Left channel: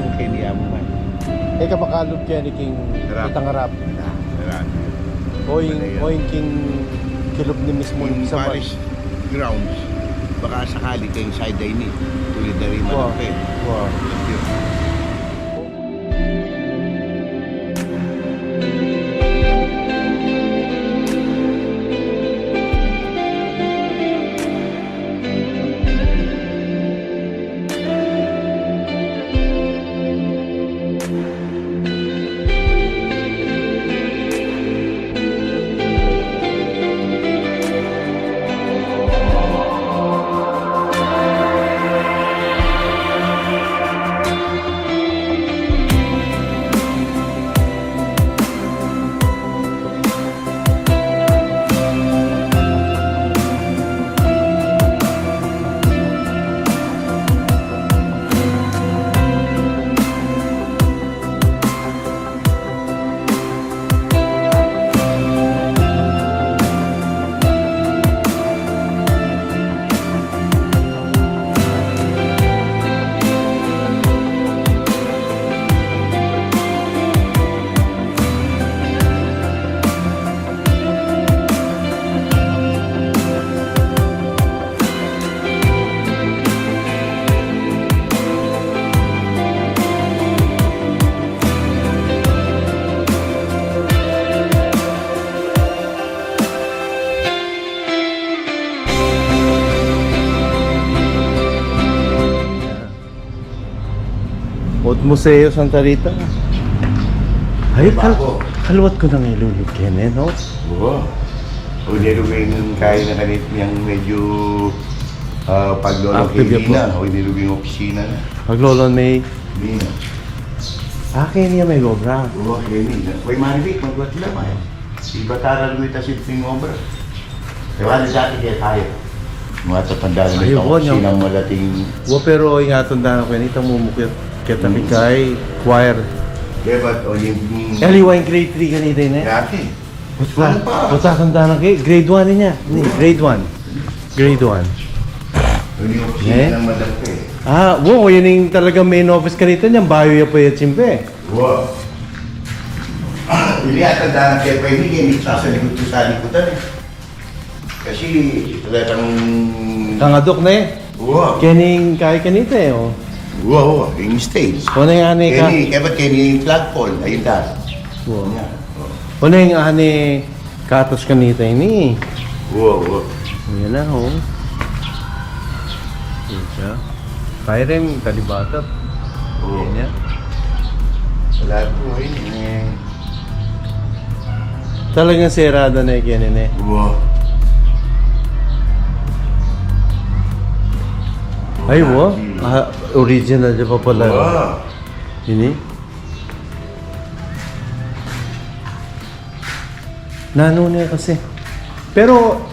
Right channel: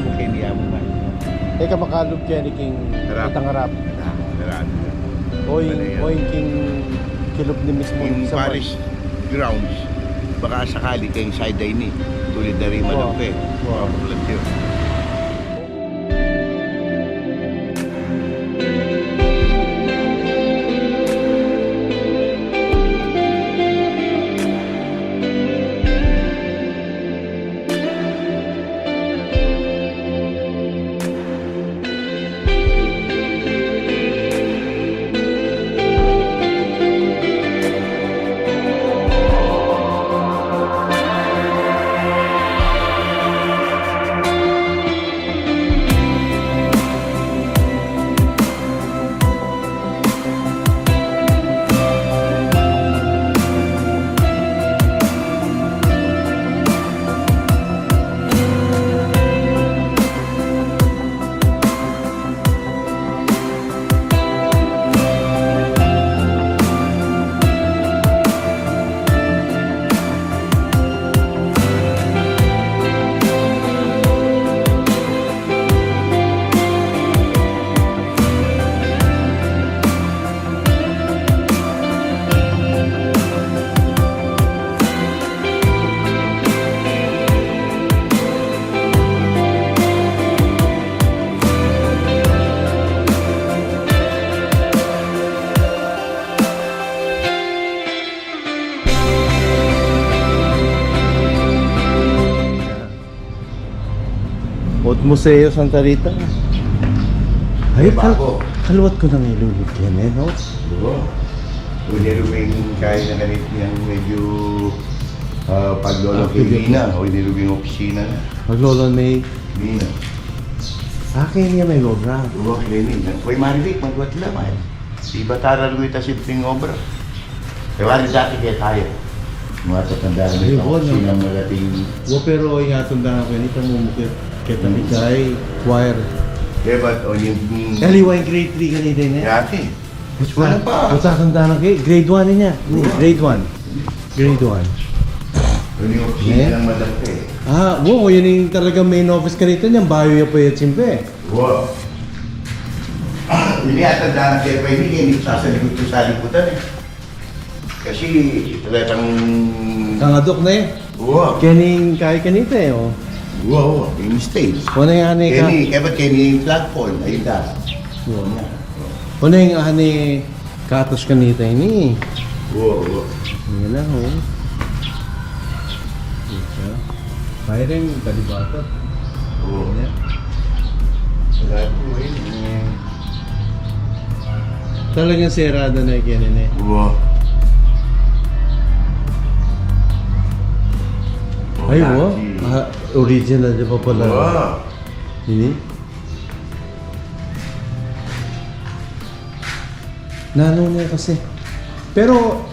mo kay niya mo man. Kamakalog kaya ni King Itangarap. Sarado yun. O yung King Kilob ni mismo Yung sa Parish grounds, baka sakali kayong side day ni. Tulad na rin malapit. Wow. Yun. Museo Santa Rita. Ay, Bago. kalwat ko nang ilulugyan eh, no? Oo. O nilubing kaya na kanit niyang medyo paglolo kay Lina. O nilubing opisina na. Paglolo may... Lina. Akin niya may obra. Oo, kay Lina. Uy, Marvic, magwat lang ay. Si Batara lumita simpleng obra. Ewan, dati kaya tayo. Mga tatanda na ito opisina ng malating... Pero ingatong dahil ko nito mumukit kita ni kay choir. Diba, o yung... Kaliwa yung grade 3 kanina yun eh. Dati. Wala pa. Putatanda na kayo. Grade 1 niya. Grade 1. Grade 1. Yung opisina ng madampi. Wow. Yun yung talagang main office ka rito niyan. Bayo ya po yung simpe. Wow. Hindi atanda na kaya pa hindi kayo sa likod ko sa likutan eh. Kasi talagang... Kangadok na eh. Wow. Kening kay kanita eh. Oh. Wow, yung stage. Ano yung ani ka? Kaya ba't kayo yung flagpole? Ayun da. Wow. Ano yung ani katos kanita ini? Wow, wow. Yan na ho. Isa. Kaya rin kalibatat. Oo. Yan. Wala po eh. Talagang serada na yung kanin eh. Wow. Ay, wow. Original di pa pala. Wow. Ini? Nano niya kasi. Pero,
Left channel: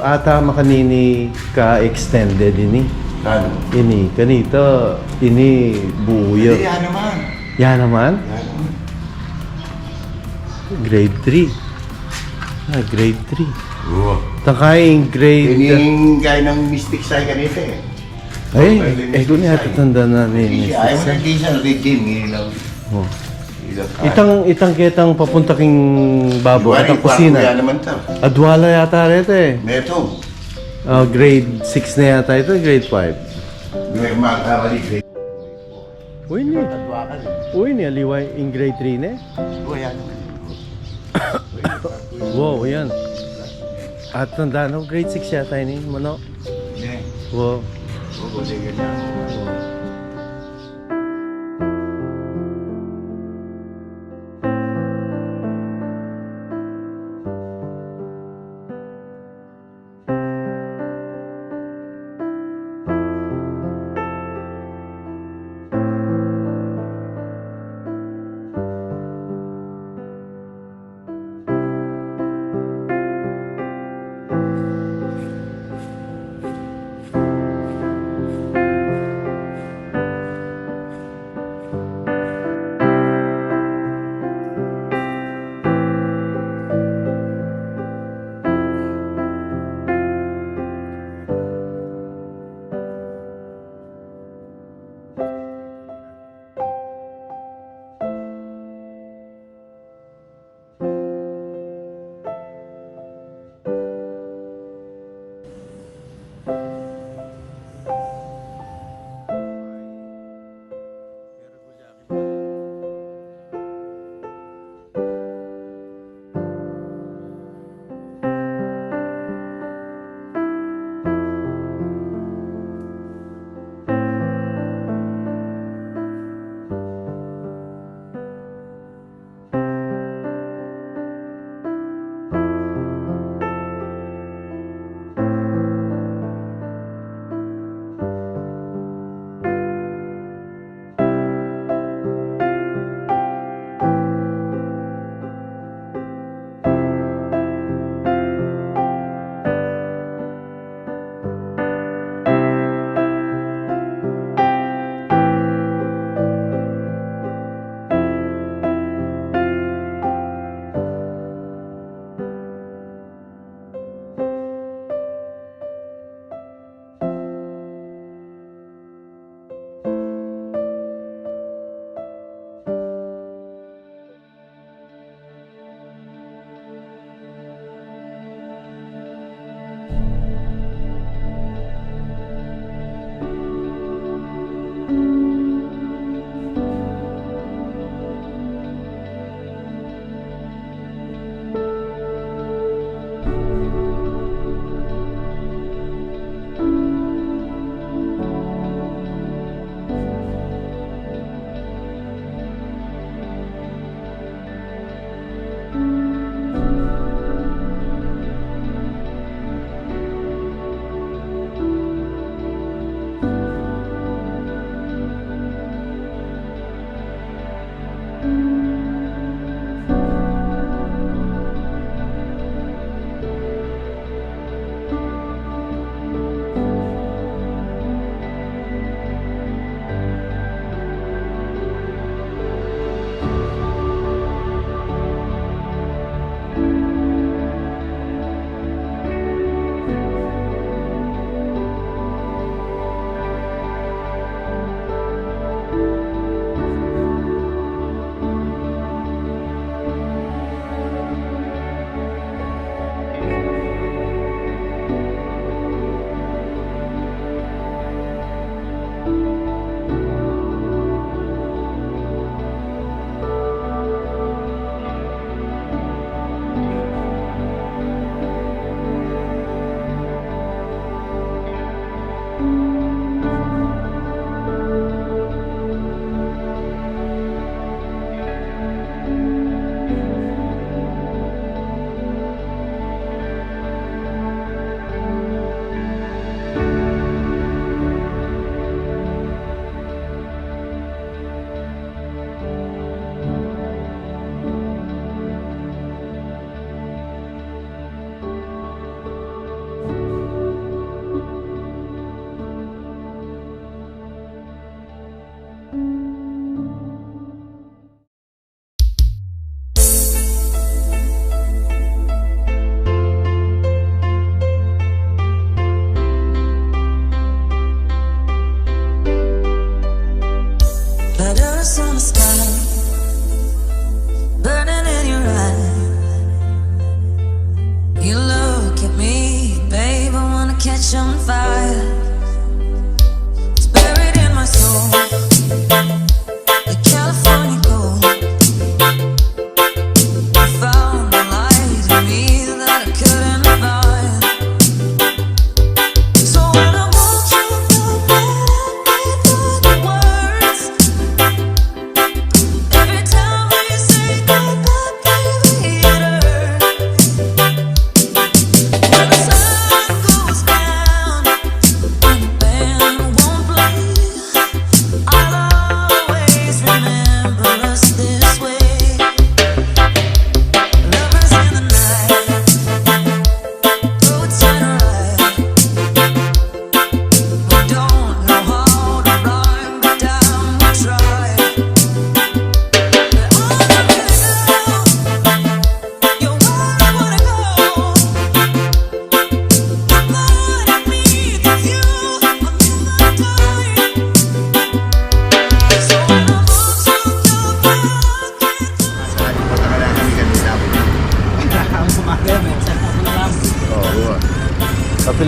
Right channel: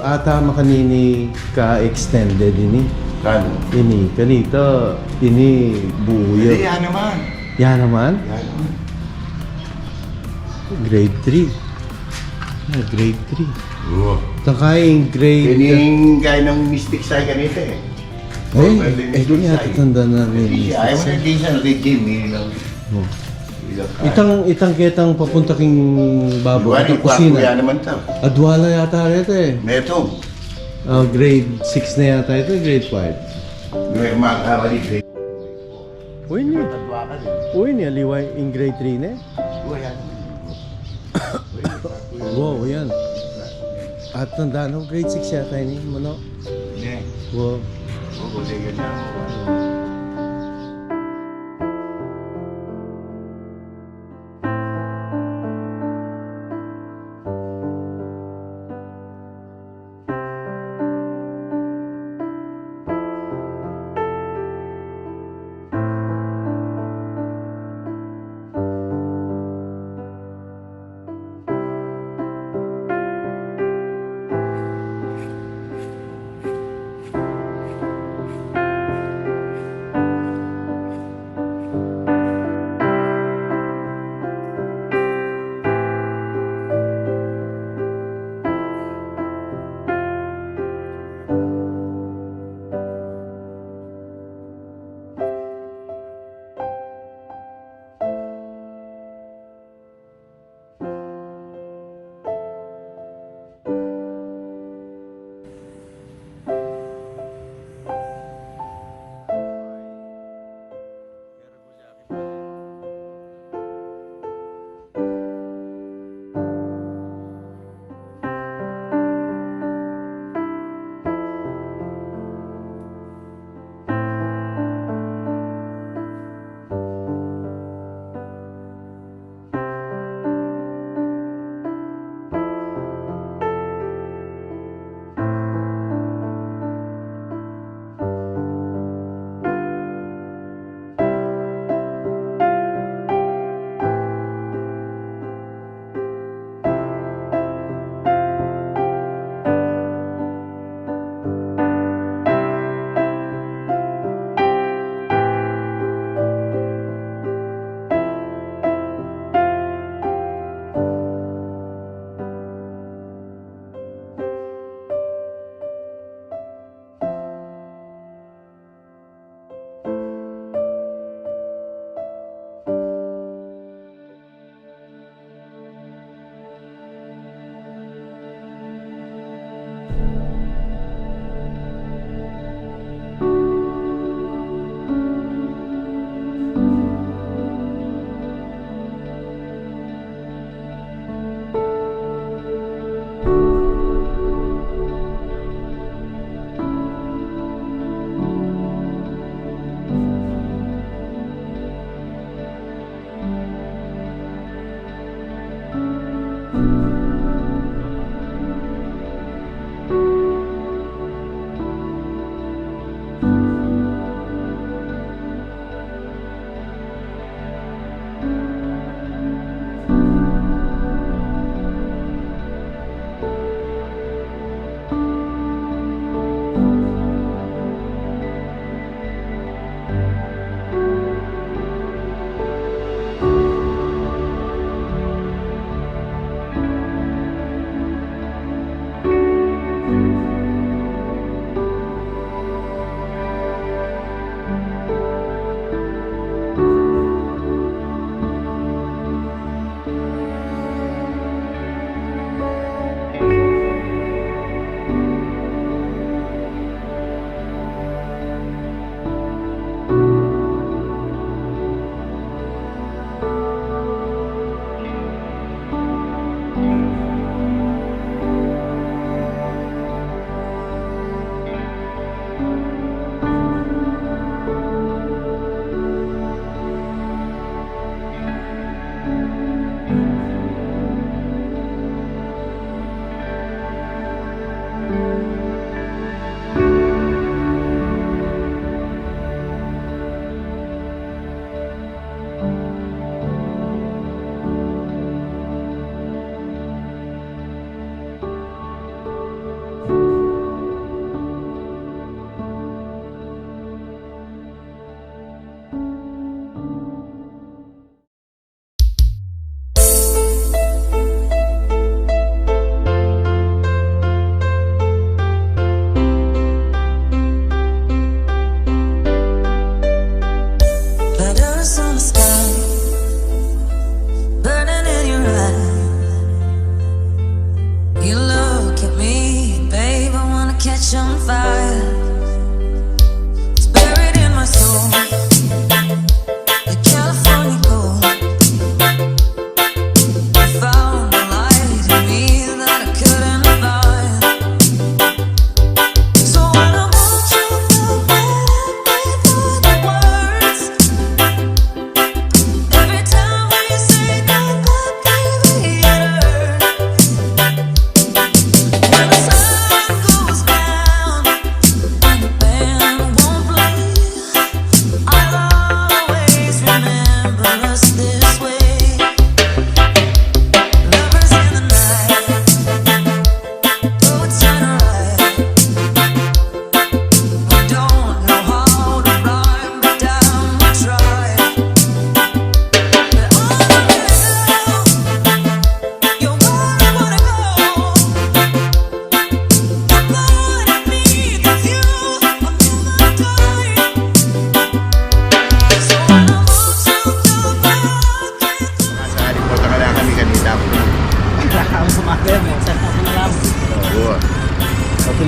ata makanini ka-extended ini. Kano? Ini, kanita, ini buuyo. Hindi, yan naman. Yan naman? Yan naman. Grade 3. Grade 3. Wow. Takaing grade... Yung gaya ng mystic side kanita eh. Doon niya tatanda na rin. Ayaw mo na din siya, nag-game. Oh. Itang kitang papunta king babo at ang kusina. Kuya naman ito. Adwala yata rito eh. Meto. Grade 6 na yata ito, grade 5. May makakawali grade. Uy niya. Tadwa ka din. Uy niya, liway in grade 3 na eh. Kuya naman. Wow, yan. At tanda no, grade 6 yata ini, mano. Hindi. Wow. Oo, ganyan na ako.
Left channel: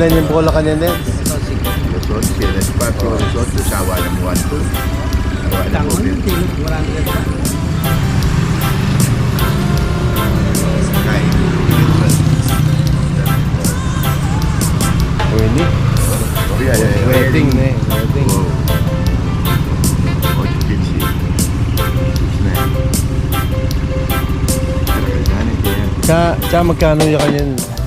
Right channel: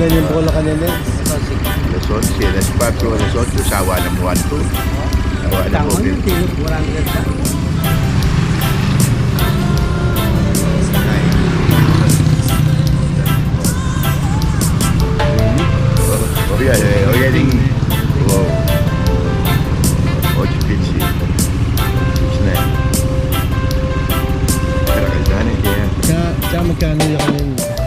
ilan yung bola kanina? Los 11, las 4, los 8, sawa ng 1, 2. Sawa ng COVID. Oye, ding. Wow. 8-15. Isna. Kaya. Magkano yung kanina?